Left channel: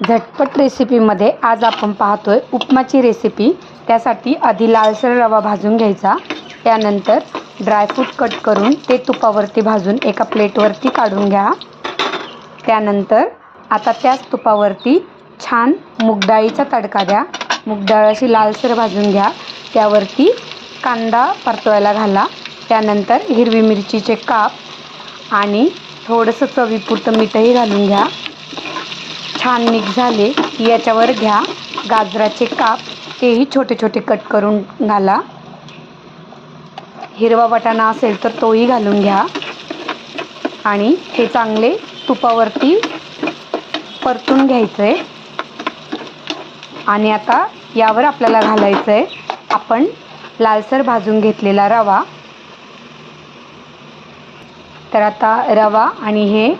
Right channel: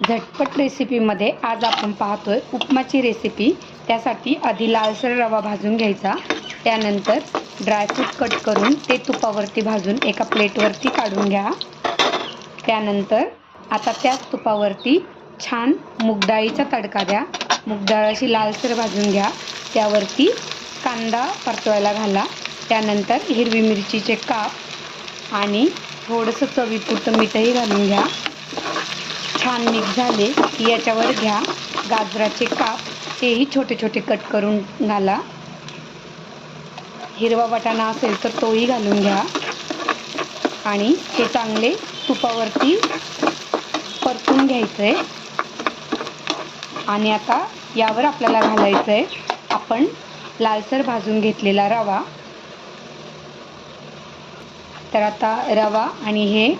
झटपट रेसिपीमध्ये आज आपण पाहतोय उपमाची रेसिपी। त्यासाठी आधी लालसर रवा भाजून घ्यायचा, त्यानंतर ड्रायफ्रूट कट करून ते तुपावरती भाजून एका प्लेटवरती काढून घ्या। त्यानंतर आता त्याच तुपावरती छान मूग डाळीचा तडका द्या। मूग डाळ अशी लालसर भाजून घ्या, त्यावरती कांदा परतवायला घाला। त्यानंतर हिरवी मिरचीचे काप आणि थोडंसं चवीपुरतं मीठही घालून घ्या। छान मिक्स झाले की याच्यावर घ्या गाजराचे काप, तेही छोटे छोटे कट करून घाला। हिरवा वाटाणा असेल तर तोही घालून घ्या आणि ते चांगले तुपावरती परतून घ्यायचे। आणि आता यावर आपल्याला घालायचं आहे आपण लालसर भाजून घेतलेला रवा। तर आता रवा आणि हे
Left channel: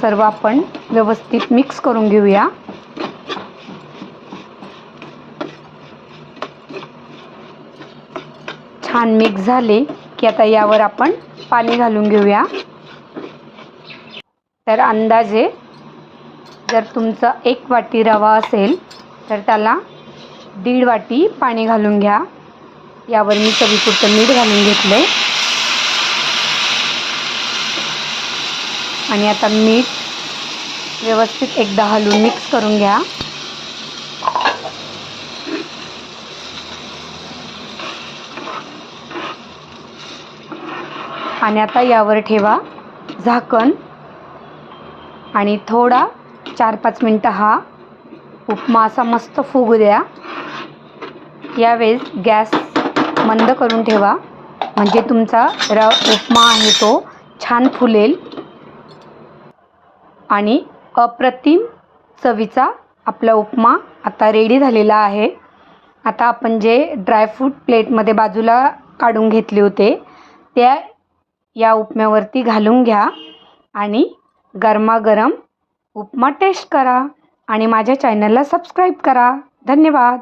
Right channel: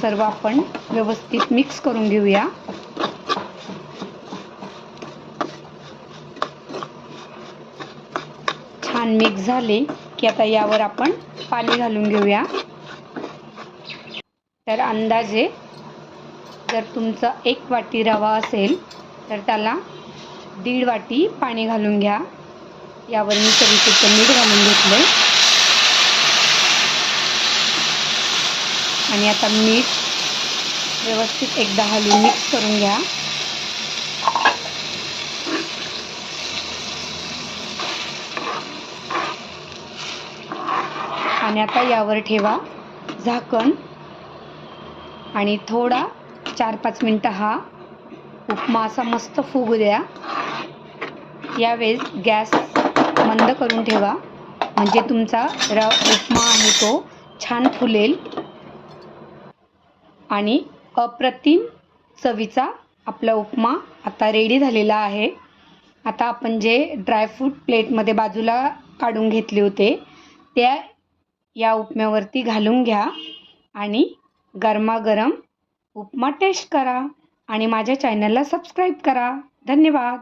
सर्व आपण व्यवस्थित मिक्स करून घेऊया। छान मिक्स झाले की आता यावर आपण पाणी घालून घेऊया। तर अंदाजे जर तुमचा 1 वाटी रवा असेल तर त्याला 1.5 वाटी पाणी घालून घ्या। यावर मी चवीपुरतं मीठ घालून घेतले आणि आता मीठ व्यवस्थित एकदा हलवून मिक्स करून घ्या। आणि आता यावर ठेवा झाकण आणि थोडा 4-5 मिनिटं हा उपमा असा मस्त फुगू द्या। यावेळेस गॅस मंद करून ठेवा, म्हणजे तुमचा उपमा आहे तो छान फुलेल आणि अप्रतिम चवीचा आपला उपमा आता रेडी झालेला आहे। आता आपण जे ड्रायफ्रूट प्लेटमध्ये बाजूला काढून घेतले होते त्या या उपम्यावरती घालून घ्या आणि गरमागरम उपमा टेस्ट करा आणि माझ्या चॅनलला सबस्क्राईब करा। धन्यवाद।